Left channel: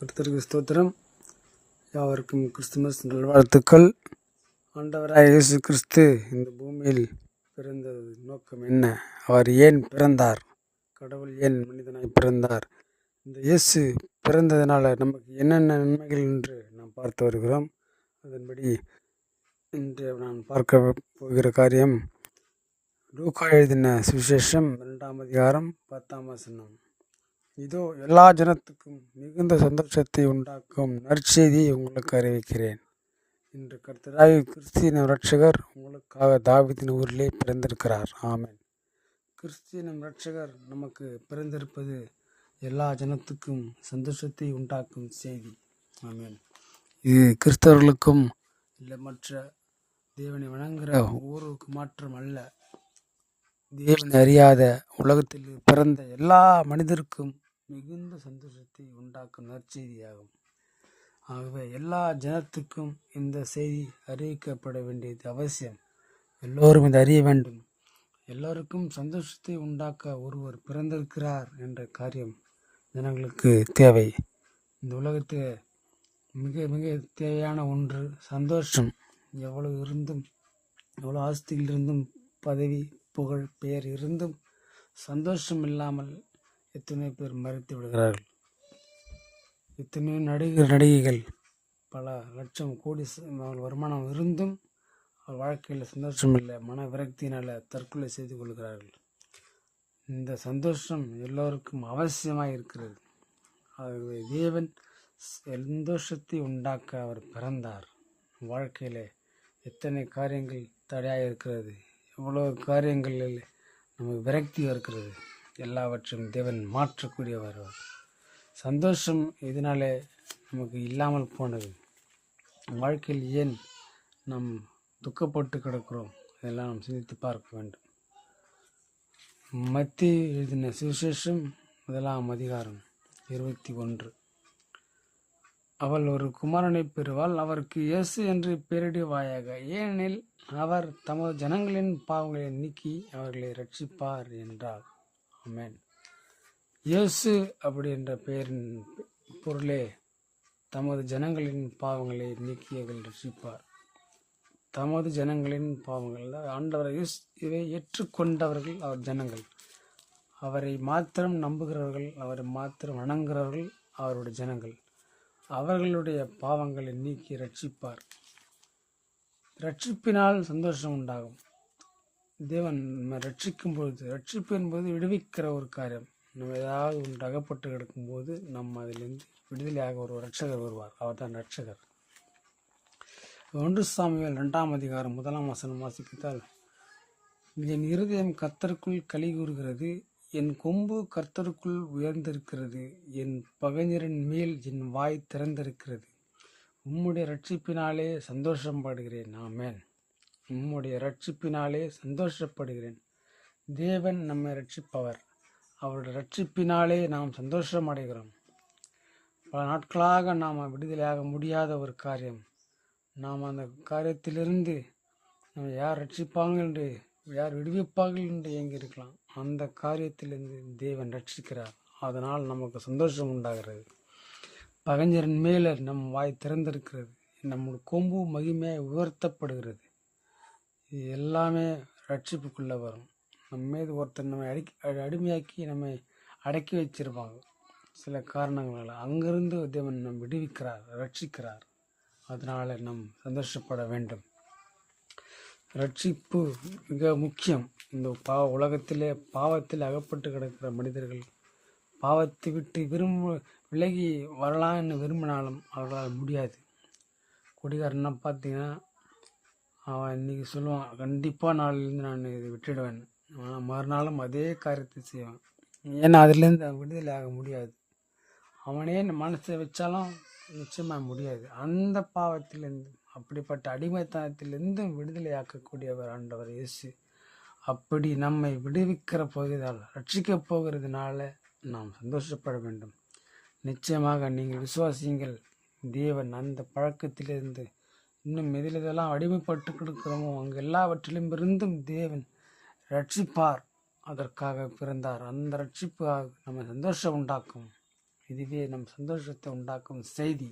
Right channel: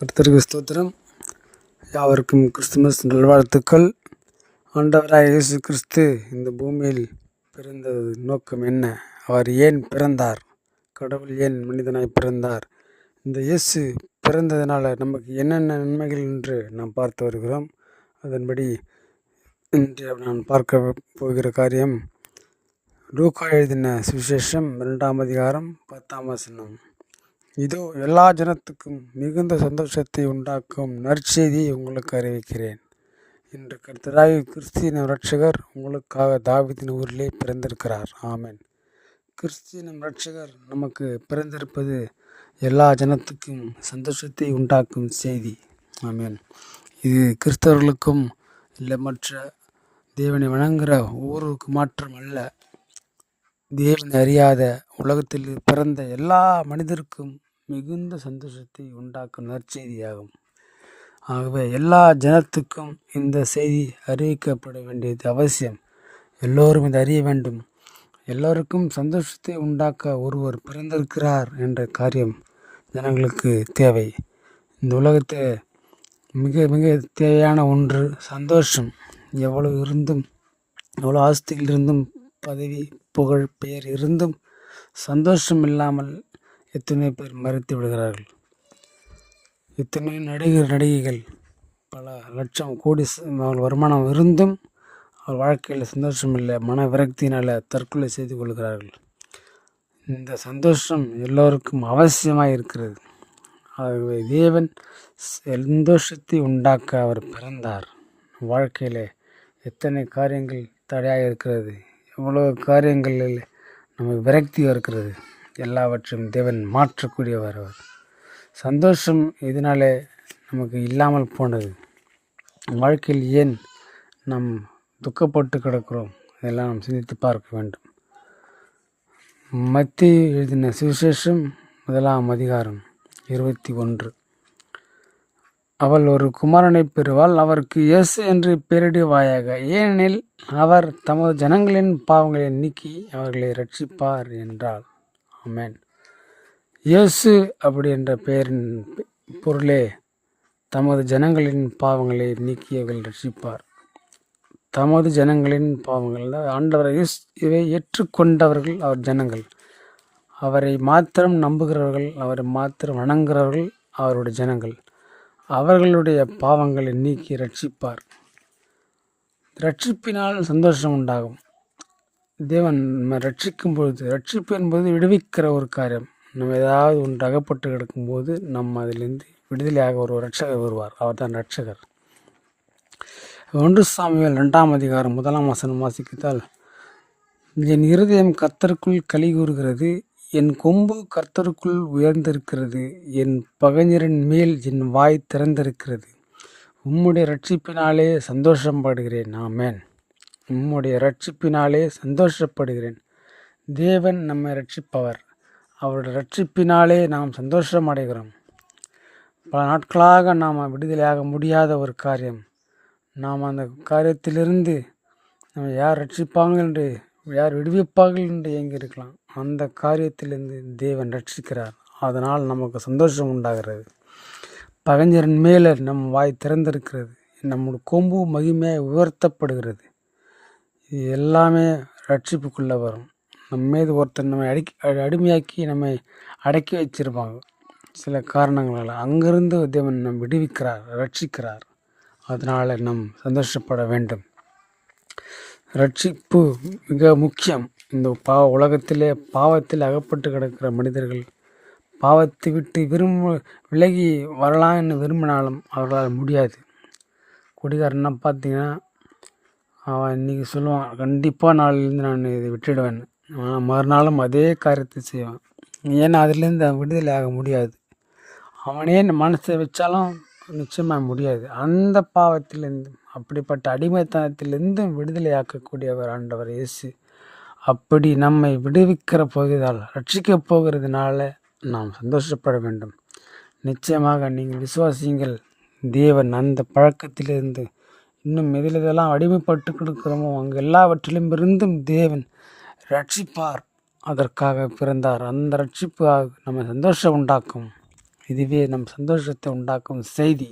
கர்த்தருக்கு ஸ்தோத்திரம். யாவருக்கும் கிறிஸ்துமஸ் நல்வாழ்த்துக்கள். ஆண்டவராக இயேசு கிறிஸ்து இந்த பூமியில் பிறந்த நோக்கம் என்ன? அவர் ஏன் பிறந்தார்? கடவுள் ஏன் மனிதனாய் பிறந்தார்? இந்த இயேசு பிறந்ததுனால நமக்கு என்னென்ன நன்மைகள் என்று நாம் பார்த்து வருகிறோம். அதன்படி இன்று நான் பார்க்க போகிற காரியம் லூக்கா எழுதின சுவிசேஷம் இரண்டாம் அதிகாரம் பத்தாம் வசனம். இதோ எல்லா ஜனத்துக்கும் மிகுந்த சந்தோஷத்தை உண்டாக்கும் நற்செய்தியை உங்களுக்கு அறிவிக்கிறேன். இன்று கர்த்தராகி கிறிஸ்தியன ரட்சகர் உங்களுக்காக தாவிதின் ஊரிலே பிறந்திருக்கிறார். ஆமேன். கிறிஸ்தியனம் ரட்சகர் நமக்கு பிறந்திருப்பது எல்லா ஜனத்துக்கும் சந்தோஷத்தை உண்டாக்கும் செய்தி. ஆமேன். இது கிறிஸ்தவர்களுக்கும் இல்லை மற்ற தேவனை வணங்குகிற ஊருக்கு மாற்றம் அல்ல. தேவனை அறியாத உலகத்தில் பிறந்த எல்லா மனிதருக்கும் மிகுந்த சந்தோஷத்தை உண்டாக்கும் நற்செய்தியாகும். ஆகவே எல்லா ஜனத்துக்கும் இந்த செய்தி அறிவிக்கப்பட வேண்டியது அவசியம். எல்லோரும் இதை அறிய வேண்டும். எல்லோருக்கும் சந்தோஷத்தை உண்டாக்க ஒருவர் பிறந்திருக்கிறார் என்ற காரியம் ஜனங்களுக்கு தேவை. இந்த உலகத்தை மிக மிக தேவையான ஒன்று சந்தோஷம். எவ்வளவு இருந்தும் எவ்வளோ ஆஸ்திகள் இருந்தும் பதவி புகழ் பெயர் இருந்தும் சந்தோஷம் இல்லாமல் எத்தனை பேர் மறுத்து விடுகிறார்கள்? இத்தனை நடிகர் நடிகைகள்? பல லட்சம் கோடி அவர்கள் வருமானம் இருந்தும் அவர் வாழ்க்கையில் சந்தோஷம் இல்லை மன விரக்தியினால் தற்கொலை செய்து கொள்கிறார்கள். இந்த சந்தோஷம் எல்லோருக்கும் அவசியமாக இருக்கிறது. ஆகவே தேவன் சந்தோஷத்தை உண்டாக்க அவர் பிறந்தார். வாழ்க்கையில் எத்தனை காரியங்கள் தடையாக இருக்கிறது? எவ்வளோ காரியங்களில் நமக்கு விரக்தி இருக்கிறது? எல்லாவற்றையும் தேவன் மாற்றக்கூடியவர் அவர். சந்தோஷம் இதனாலே நமக்கு இல்லாமல் போனது? வாழ்க்கையில் ஏன் நாம் துக்கப்பட்டு கிடக்கிறோம்? இதெல்லாம் நாம் சிந்தித்து பார்க்க வேண்டும். மத்தி எழுதின சுவிசேஷம் முதலாம் அதிகாரம் இருபத்தி ஒன்று. அவள் ஒரு குமாரனை பெறுவாள் அவருக்கு இயேசு என்று பெயரிடுவாயாக ஏனெனில் அவர் தமது ஜனங்களின் பாவங்களை நீக்கி அவர்களை ரட்சிப்பார் என்றாள். அமேன் இயேசு அப்படி என்ற பெயரின் பொருளே தமது ஜனங்களின் பாவங்களை நீக்கியவர்கள் ரட்சிப்பார். தமது ஜனங்களின் பாவங்கள் ஆண்டவரை இயேசு- இவை ஏற்றுக்கொண்டவர்கள் அவர் ஜனங்கள். அவரை மாத்திரம் நம்புகிறவர்கள் அவரை மாத்திரம் வணங்குகிறவர்கள் அவருடைய ஜனங்கள். அவர்களுடைய பாவங்களை நீக்கி ரட்சிப்பார். ரட்சிப்பினால் சந்தோஷம் உண்டாகும். தேவன் நம்ம ரட்சிக்கும் பொழுது ரட்சிப்பு என்பது விடுவிக்கிற ஒரு காரியம். நம்ம ஏதாவது ஒன்று அகப்பட்டு கிடக்கும்போது நம்ம அதிலிருந்து விடுதலையாக ஒரு ரட்சகர் வருவார். அவர் தான் ரட்சகர் ஒன்று சாமியால் ரெண்டாம் அதிகாரம் முதலாம் வசனம் வாசிக்கத்தால் என் இருதயம் கர்த்தருக்குள் களி கூறுகிறது என் கொம்பு கர்த்தருக்குள் உயர்ந்திருக்கிறது என் பகைஞரின் மேல் என் வாய் திறந்திருக்கிறது. உம்முடைய ரட்சிப்பினாலே சந்தோஷம் படுகிறேன் ஆமேன். உம்முடைய ரட்சிப்பினாலே சந்தோஷப்படுகிறேன். தேவன் நம்மை ரட்சிப்பவர் அவருடைய ரட்சிப்பினாலே நாம் சந்தோஷம் அடைகிறோம் பல நாட்களாக நாம் விடுதலையாக முடியாத ஒரு காரியம். நாம் அந்த காரியத்திலிருந்து நம்ம யார் ரட்சிப்பாங்க என்று யார் விடுவிப்பார்கள் என்று ஏங்கி இருக்கலாம் அந்த காரியத்திலிருந்து தேவன் ரட்சிக்கிறார் அதனால் நமக்கு சந்தோஷம் உண்டாகிறது. பகைஞரின் மேலே நம் வாய் திறந்திருக்கிறது. நம்முடைய கொம்பு மகிமையாக உயர்த்தப்படுகிறது. இது எல்லாமே ரட்சிப்புக்குள்ளே வரும். நம்ம மீது ஒருத்தர் நம்மை அடிக்க அடி- அடிமையாக்கி நம்மை அடக்கி வச்சிருப்பாங்க. சில காரணங்களால் அங்கிருந்து தேவன் நம் விடுவிக்கிறார் ரட்சிக்கிறார். அதனால் நம் சந்தோஷப்பட வேண்டும். ரட்சிப்பு மிக முக்கியம். இந்த பாவ உலகத்திலே பாவத்தில் அகப்பட்டு கிடக்கிற மனிதர்கள் பாவத்தை விட்டு விரும்ப விலகி வரலாம்னு விரும்பினாலும் அவர்களால் முடியாது. குடிகாரன்னா பார்த்தீங்கன்னா அவன் இன்றைக்கி சொல்லுவான் கண்டிப்பாக நாளிலேருந்து நான் இதை விட்டுடுவேன். ஆனால் மறுநாளும் அதே காரியத்தை செய்வான். ஏன்னா அதுலேருந்து அவன் விடுதலை ஆக முடியாது. அவனே மனசை வச்சாலும் நிச்சயமாக முடியாது. அந்த பாவத்திலேருந்து அப்படிப்பட்ட அடிமைத்தனத்திலிருந்து விடுதலை ஆக்கக்கூடியவர் ஆண்டவர் இயேசு. அப்படி நம்மை விடுவிக்கிற போகிறதால் ரட்சிக்கப் போகிறதுனால நாம் சந்தோஷப்பட வேண்டும். நிச்சயமாக நீங்கள் விசுவாசியுங்கள். தேவன் அந்த பழக்கத்திலிருந்து இன்னும் எதில் இதெல்லாம் அடிமைப்பட்டு கொடுக்கிறோமோ அங்கே எல்லாவற்றிலும் இருந்தும் தேவன் ரட்சிப்பார் அதற்காக பிறந்தார். அந்த ரட்சிப்பு நம்ம சந்தோஷம் உண்டாக்கும். இதுவே நம் சந்தோஷத்தை உண்டாக்கும் செய்தி.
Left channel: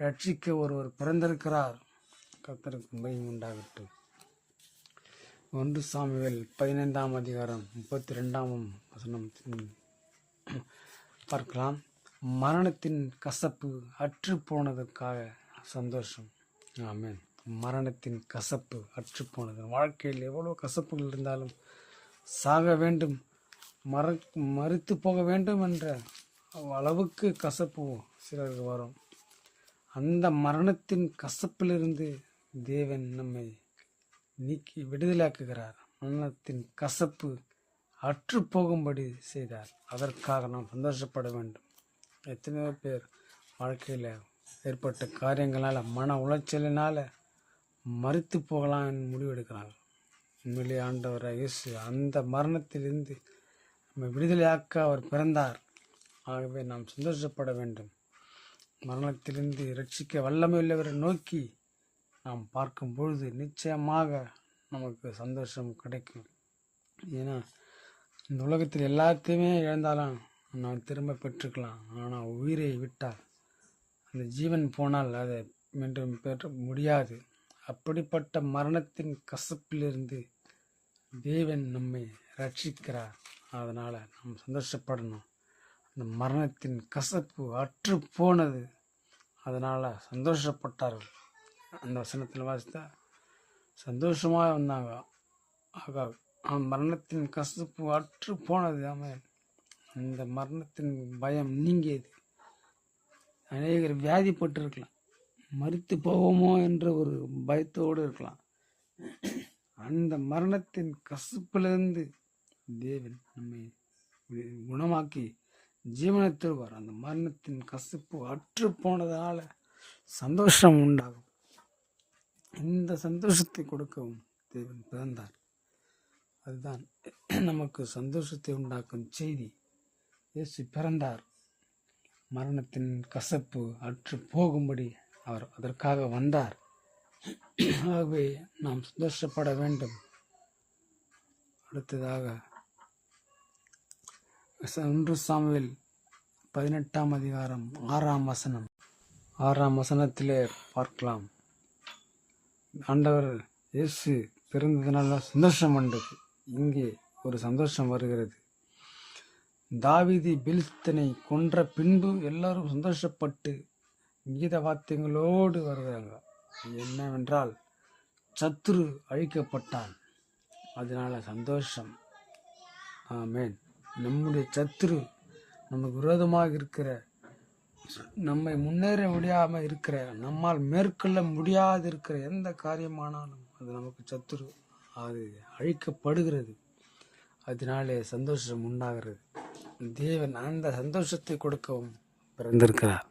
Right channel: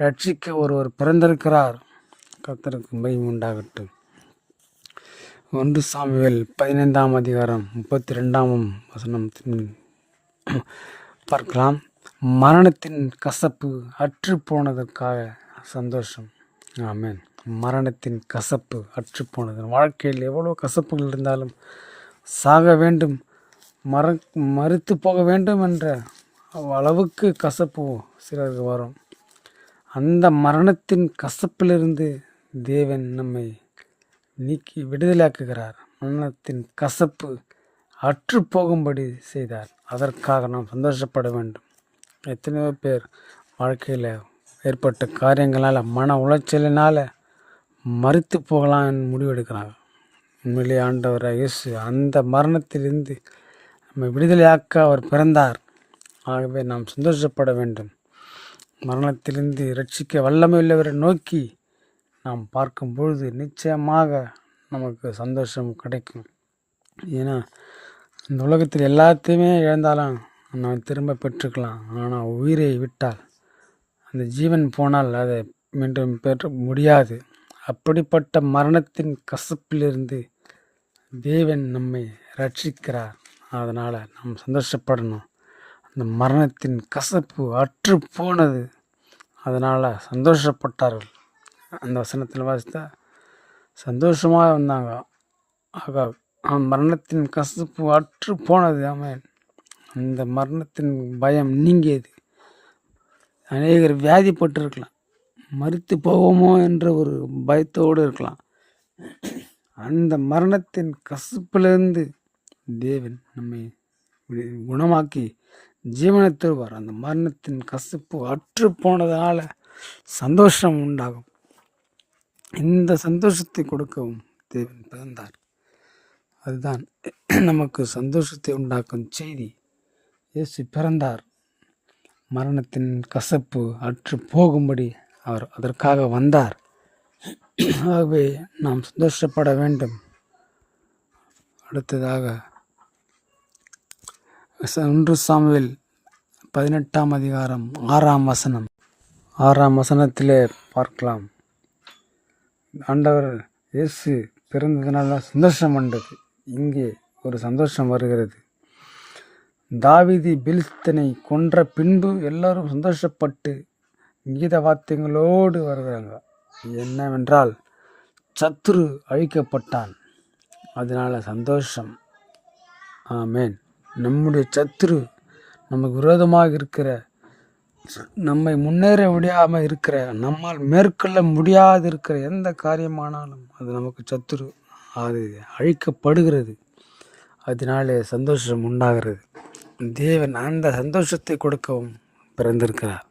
ரட்சிக்க ஒருவர் பிறந்திருக்கிறார். கத்தருக்கு மகிமை உண்டாகட்டும். ஒன்று சாமிவேல் பதினைந்தாம் அதிகாரம் முப்பத்தி ரெண்டாம் வசனம் பார்க்கலாம். மரணத்தின் கசப்பு அற்று போனதற்காக சந்தோஷம். ஆமேன். மரணத்தின் கசப்பு அற்றுப்போனது. வாழ்க்கையில் எவ்வளோ கசப்புகள் இருந்தாலும் சாக வேண்டும் மற மறுத்து போக வேண்டும் என்ற அளவுக்கு கசப்பு சிலருக்கு வரும். அந்த மரணத்தின் கசப்பிலிருந்து தேவன் நம்மை நீக்கி விடுதலையாக்குகிறார். மரணத்தின் கசப்பு அற்று போகும்படி செய்தார். அதற்காக நாம் சந்தோஷப்பட வேண்டும். எத்தனையோ பேர் வாழ்க்கையில் ஏற்பட்ட காரியங்களால் மன உளைச்சலினால் மறித்து போகலாம் முடிவெடுக்கிறாங்க. உண்மையிலே ஆண்டவர் இயேசு அந்த மரணத்திலிருந்து நம்மை விடுதலையாக்க அவர் பிறந்தார். ஆகவே நாம் சந்தோஷப்பட வேண்டும். மரணத்திலிருந்து ரட்சிக்க வல்லமையுள்ளவரை நோக்கி நாம் பார்க்கும் பொழுது நிச்சயமாக நமக்கு சந்தோஷம் கிடைக்கும். ஏன்னா இந்த உலகத்தில் எல்லாத்தையுமே இழந்தாலும் நாம் திரும்ப பெற்றுக்கலாம். ஆனால் உயிரை விட்டால் அந்த ஜீவன் போனால் அதை மீண்டும் பெற்ற முடியாது. அப்படிப்பட்ட மரணத்தின் கசப்பிலிருந்து தேவன் நம்மை ரட்சிக்கிறார் அதனால் நாம் சந்தோஷப்படணும். அந்த மரணத்தின் கசப்பு அற்று போனது அதனால் சந்தோஷப்பட்டார்கள். அந்த வசனத்தில் வாசித்தா சந்தோஷமாக வந்தாங்க. ஆகா அவன் மரணத்தின் கசப்பு அற்று போனது அவன் அந்த மரணத்தின் பயம் நீங்கியது. அநேகர் வியாதிப்பட்டிருக்கலாம். மறித்து போவோமோ என்ற ஒரு பயத்தோடு இருக்கலாம். அந்த மரணத்தின் கசப்பிலிருந்து தேவன் நம்மை குணமாக்கி ஜீவனை தருவார் அந்த மரணத்தின் கசப்பு அற்று போனதால் சந்தோஷம் உண்டாகும். இந்த சந்தோஷத்தை கொடுக்கவும் தேவன் பிறந்தார். அதுதான் நமக்கு சந்தோஷத்தை உண்டாக்கும் செய்தி. இயேசு பிறந்தார். மரணத்தின் கசப்பு அற்று போகும்படி அவர் அதற்காக வந்தார். ஆகவே நாம் சந்தோஷப்பட வேண்டும். அடுத்ததாக ஒன்று சாமுவில் பதினெட்டாம் அதிகாரம் ஆறாம் வசனம். ஆறாம் வசனத்திலே பார்க்கலாம். ஆண்டவர் இயேசு பிறந்ததுனால சந்தோஷம் வந்தது. இங்கே ஒரு சந்தோஷம் வருகிறது. தாவிதி பெலிஸ்தனை கொன்ற பின்பு எல்லாரும் சந்தோஷப்பட்டு கீத வாத்தியங்களோடு வருகிறாங்க என்னவென்றால் சத்துரு அழிக்கப்பட்டான். அதனால் சந்தோஷம். ஆமேன். நம்முடைய சத்துரு நமக்கு விரோதமாக இருக்கிற நம்மை முன்னேற முடியாமல் இருக்கிற நம்மால் மேற்கொள்ள முடியாது இருக்கிற எந்த காரியமானாலும் அது நமக்கு சத்துரு அது அழிக்கப்படுகிறது. அதனாலே சந்தோஷம் உண்டாகிறது. தேவன் அந்த சந்தோஷத்தை கொடுக்கவும் பிறந்திருக்கிறார்.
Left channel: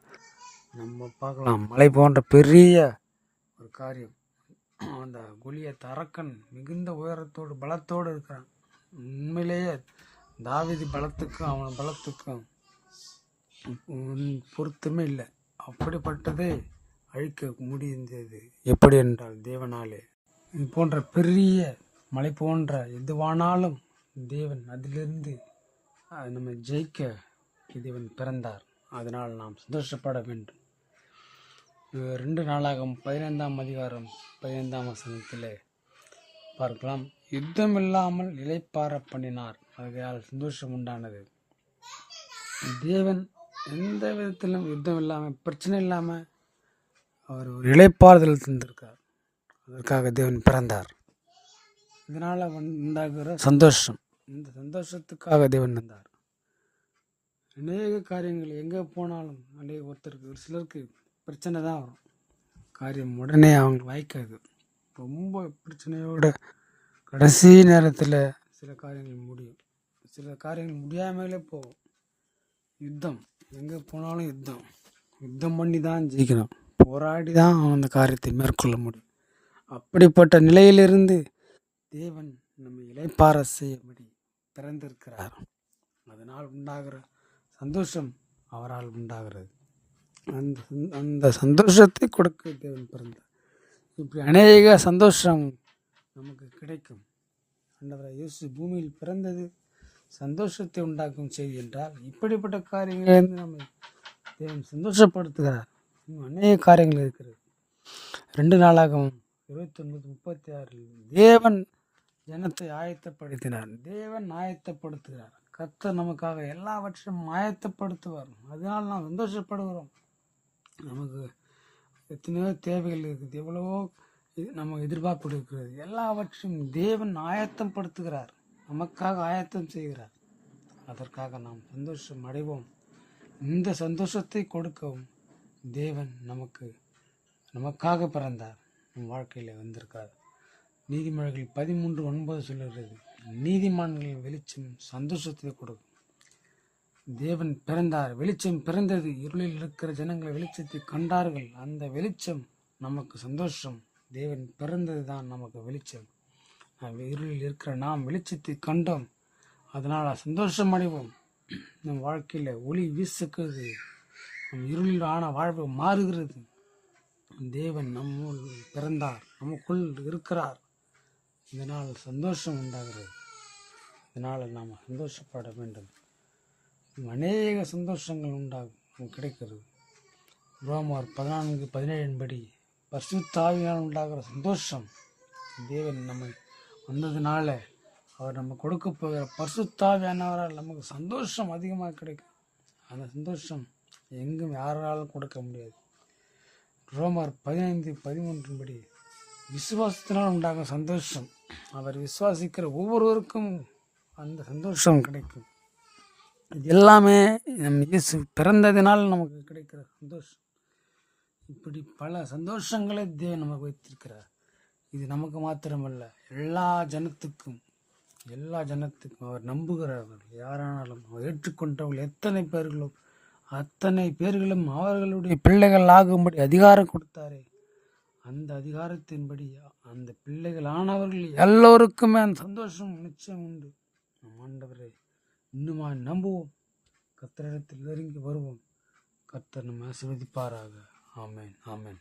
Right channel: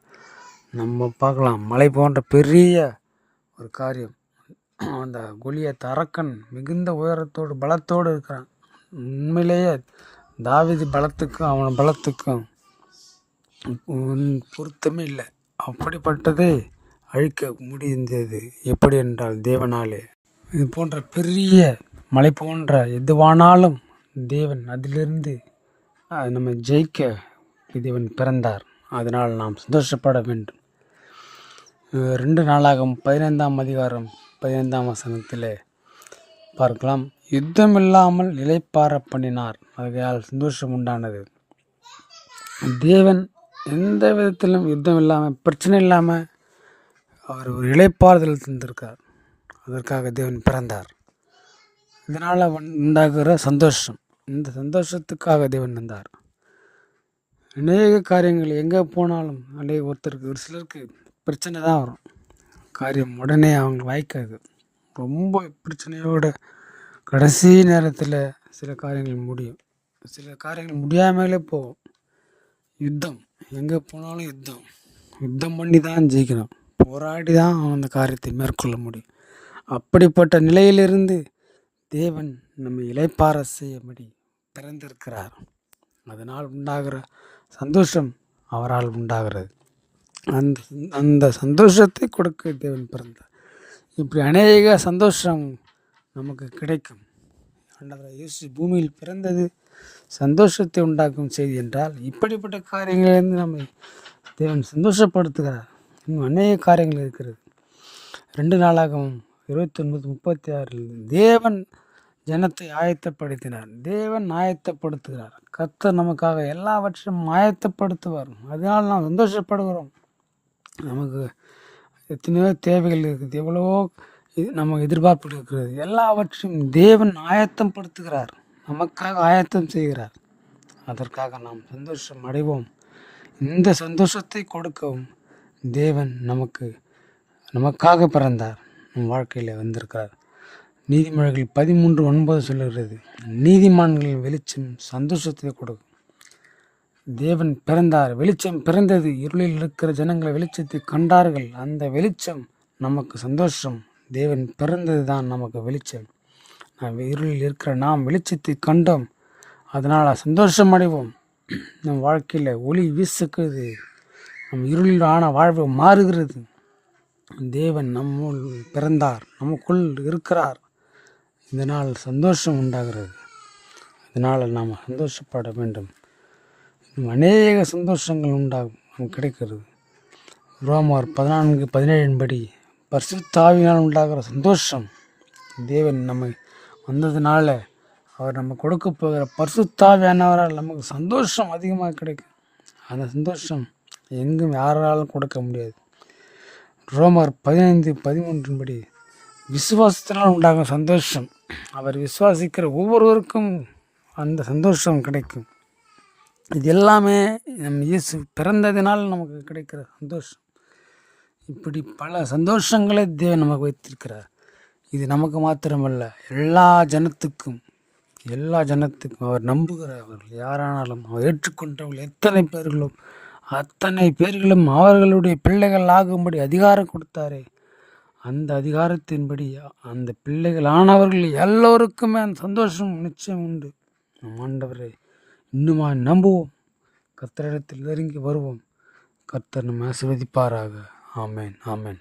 நம்ம பார்க்கலாம். மலை போன்ற பெரிய ஒரு காரியம். அந்த குலியத் தரக்கன் மிகுந்த உயரத்தோடு பலத்தோடு இருக்கிறான். உண்மையிலேயே தாவிதி பலத்துக்கும் அவன் பலத்துக்கும் பொருத்தமே இல்லை. அப்படிப்பட்டதை அழிக்க முடிந்தது எப்படி என்றால் தேவனாலே. இது போன்ற பெரிய மலை போன்ற எதுவானாலும் தேவன் அதிலிருந்து நம்ம ஜெயிக்க தேவன் பிறந்தார். அதனால் நாம் சந்தோஷப்பட வேண்டும். ரெண்டு நாளாகும் பதினைந்தாம் அதிகாரம் பதினைந்தாம் வசனத்தில் பார்க்கலாம். யுத்தம் இல்லாமல் இளைப்பார பண்ணினார். ஆகையால் சந்தோஷம் உண்டானது. தேவன் எந்த விதத்திலும் யுத்தம் இல்லாமல் பிரச்சனை இல்லாமல் அவர் ஒரு இழைப்பாறுதல் தந்திருக்கார். அதற்காக தேவன் பிறந்தார். இதனால் உண்டாகிற சந்தோஷம். இந்த சந்தோஷத்துக்காக தேவன் வந்தார். அநேக காரியங்கள் எங்கே போனாலும் அநேக ஒருத்தருக்கு ஒரு சிலருக்கு பிரச்சனை தான் வரும். காரியம் உடனே அவங்க வாய்க்காது. ரொம்ப பிரச்சனையோட கடைசி நேரத்தில் சில காரியங்கள் முடியும். சில காரியங்கள் முடியாமலே போகும். யுத்தம் எங்கே போனாலும் யுத்தம். யுத்தம் பண்ணி தான் ஜெயிக்கணும். போராடி தான் அந்த காரியத்தை மேற்கொள்ள முடியும். அப்படிப்பட்ட நிலையிலிருந்து தேவன் நம்மை இளைப்பாற செய்யும்படி பிறந்திருக்கிறார். அதனால் உண்டாகிற சந்தோஷம் அவரால் உண்டாகிறது. அந்த அந்த சந்தோஷத்தை கொடுக்க தேவன் பிறந்தார் இப்படி அநேக சந்தோஷம் நமக்கு கிடைக்கும். ஆண்டவராக இயேசு பூமியில் பிறந்தது சந்தோஷத்தை உண்டாக்கும் செய்தி என்றால் இப்படிப்பட்ட காரியங்களிலிருந்து நம்மை தேவன் சந்தோஷப்படுத்துகிறார். இன்னும் அநேக காரியங்கள் இருக்கிறது. ரெண்டு நாளாகவும் இருபத்தி ஒன்பது முப்பத்தி ஆறில் தேவன் ஜனத்தை ஆயத்தப்படுத்தினார். தேவன் ஆயத்தப்படுத்துகிறார். கத்தர் நமக்காக எல்லாவற்றையும் ஆயத்தப்படுத்துவார். அதனால் நாம் சந்தோஷப்படுகிறோம். நமக்கு எத்தனையோ தேவைகள் இருக்குது. எவ்வளவோ இது நமக்கு எதிர்பார்ப்பு இருக்கிறது. எல்லாவற்றையும் தேவன் ஆயத்தம் படுத்துகிறார் நமக்காக ஆயத்தம் செய்கிறார். அதற்காக நாம் சந்தோஷம் அடைவோம். இந்த சந்தோஷத்தை கொடுக்கவும் தேவன் நமக்கு நமக்காக பிறந்தார். நம் வாழ்க்கையில் வந்திருக்கிறார். நீதிமொழிகள் பதிமூன்று ஒன்பது சொல்லுகிறது நீதிமான்களின் வெளிச்சம் சந்தோஷத்தை கொடுக்கும். தேவன் பிறந்தார். வெளிச்சம் பிறந்தது இருளில் இருக்கிற ஜனங்கள் வெளிச்சத்தை கண்டார்கள். அந்த வெளிச்சம் நமக்கு சந்தோஷம். தேவன் பிறந்தது தான் நமக்கு வெளிச்சம். நாம் இருளில் இருக்கிற நாம் வெளிச்சத்தை கண்டோம். அதனால் சந்தோஷம் அடைவோம். நம் வாழ்க்கையில் ஒளி வீசுக்குது நம் இருளில் ஆன வாழ்வு மாறுகிறது. தேவன் நம்முள் பிறந்தார். நமக்குள் இருக்கிறார். இதனால் சந்தோஷம் உண்டாகிறது. இதனால் நாம் சந்தோஷப்பட வேண்டும். அநேக சந்தோஷங்கள் உண்டாகும் நமக்கு கிடைக்கிறது. ரோமார் பதினான்கு பதினேழின்படி பரிசுத்தாவினால் உண்டாகிற சந்தோஷம். தேவன் நம்மை வந்ததுனால அவர் நம்ம கொடுக்க போகிற பரிசுத்தாவியானவரால் நமக்கு சந்தோஷம் அதிகமாக கிடைக்கும். அந்த சந்தோஷம் எங்கும் யாராலும் கொடுக்க முடியாது. ரோமர் பதினைந்து பதிமூன்றின்படி விசுவாசத்தினால் உண்டாகும் சந்தோஷம். அவர் விசுவாசிக்கிற ஒவ்வொருவருக்கும் அந்த சந்தோஷம் கிடைக்கும். இது எல்லாமே நம் இயேசு பிறந்ததினால் நமக்கு கிடைக்கிற சந்தோஷம். இப்படி பல சந்தோஷங்களை தேவன் நமக்கு வைத்திருக்கிறார். இது நமக்கு மாத்திரமல்ல எல்லா ஜனத்துக்கும் எல்லா ஜனத்துக்கும் அவர் நம்புகிறவர்கள் யாரானாலும் அவர் ஏற்றுக்கொண்டவர்கள் எத்தனை பேர்களும் அத்தனை பேர்களும் அவர்களுடைய பிள்ளைகள் ஆகும்படி அதிகாரம் கொடுத்தாரே. அந்த அதிகாரத்தின்படி அந்த பிள்ளைகள் ஆனவர்கள் எல்லோருக்குமே அந்த சந்தோஷம் நிச்சயம் உண்டு. நம் ஆண்டவரை இன்னுமா நம்புவோம். கர்த்தரிடத்தில் நெருங்கி வருவோம். கர்த்தர் நம்ம ஆசிர்வதிப்பாராக. ஆமேன் ஆமேன்.